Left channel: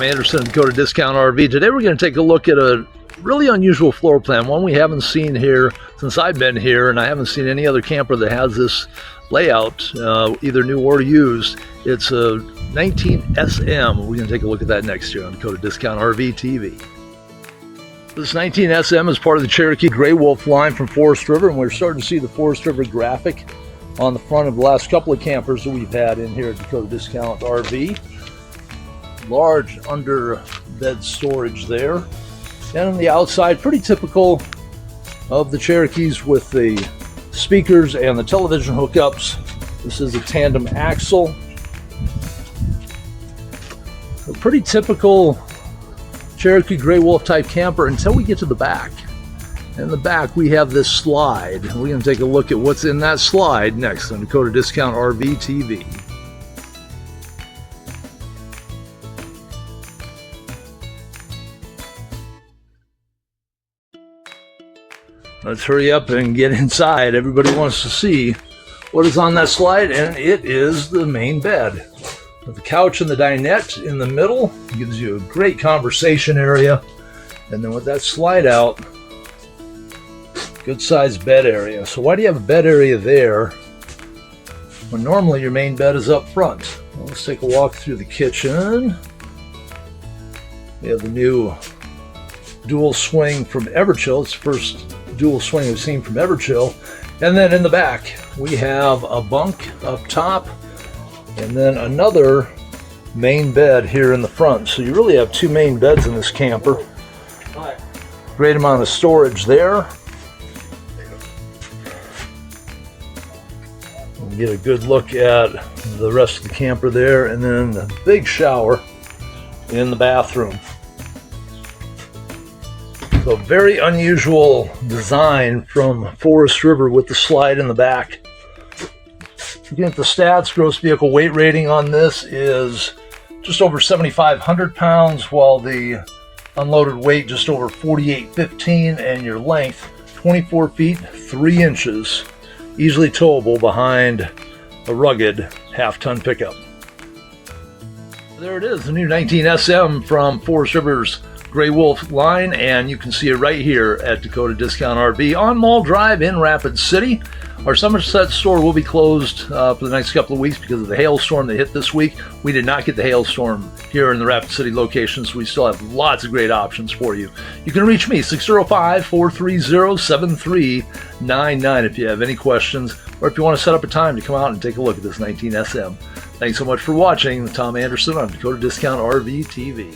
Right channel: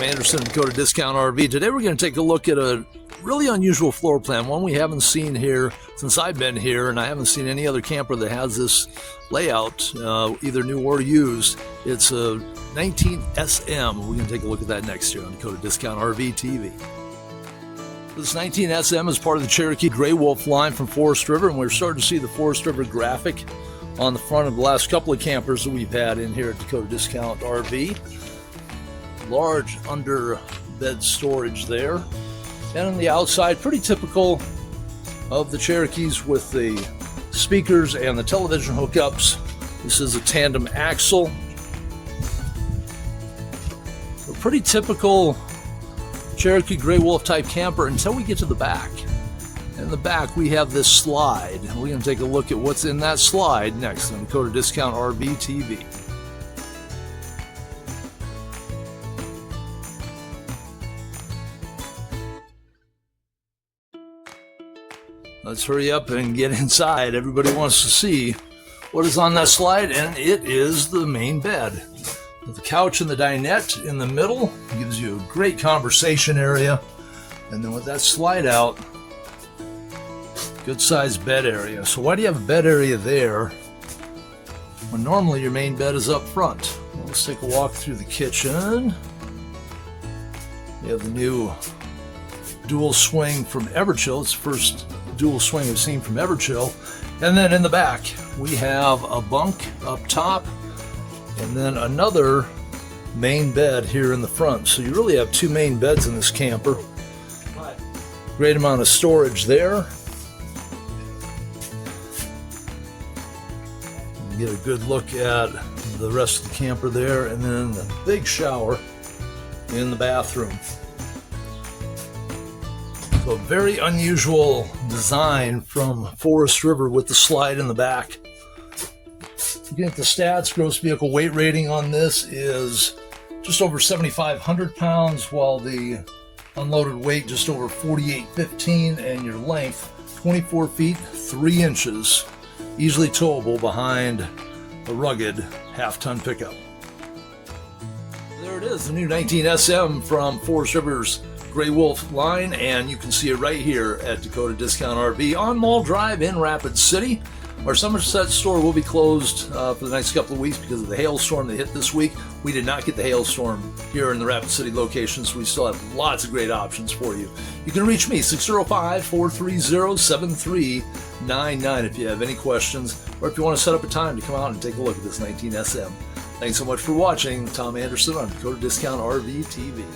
Tom Anderson, Dakota Discount RV. Today we're going to take a look at a really unusual floor plan, one we haven't seen here since I've been here, and I haven't seen any other camper that has this layout, either new or used. It's a 19 SM. We're going to take a look at that next year on Dakota Discount RV TV. This 19 SM is part of the Cherokee Gray Wolf line from Forest River, and we're starting to see the Forest River graphic on the front of the last couple of campers that we've had in here at Dakota Discount RV. Large under bed storage there, and on the outside, pretty typical of the Cherokees with the speakers and the television hookups. This is a tandem axle. A pretty typical Cherokee Gray Wolf type camper until we get to the back. In the back we have this slide. We're going to take a look at what's in that slide next on Dakota Discount RV TV. Let's hurry up and get inside. Everybody wants to see what is on that slide, and it is the main bed. With the couch and the dinette in the middle, gives you a great conversation area. And then with that slide out, good sized bed area. So why do you have a bed area there when normally your main bed is up front? Well, let's take a walk through the kitchen. We have the new dual swing from Everchill. It's the first dual swing we've seen from Everchill. And then in the back we have a bunk up top and then another main bed here in the front. So you really have two main beds in this camper. Great amount of storage there. We'll get a good look at the rest of the camper there, and then the big shower in the bathroom. So very unusual design from Forest River with the slide in the back. Looking at the stats, gross vehicle weight rating on this is just over 7,500 pounds, while the unloaded weight just over 4,815, and your length 24 feet 3 inches, easily towable behind a rugged half-ton pickup. There it is, the new 19 SM from Forest River's Gray Wolf line, and you can see it right here at Dakota Discount RV on Mall Drive in Rapid City. Our Somerset store will be closed for the next couple of weeks because of the hailstorm that hit this week. We did not get the hailstorm here in the Rapid City location, so we still have lots of great options for you. You can reach me, 605-430-7399 if you have any questions, or if you want to set up a time to come out and take a look at this 19 SM. Thanks so much for watching. Tom Anderson on Dakota Discount RV TV.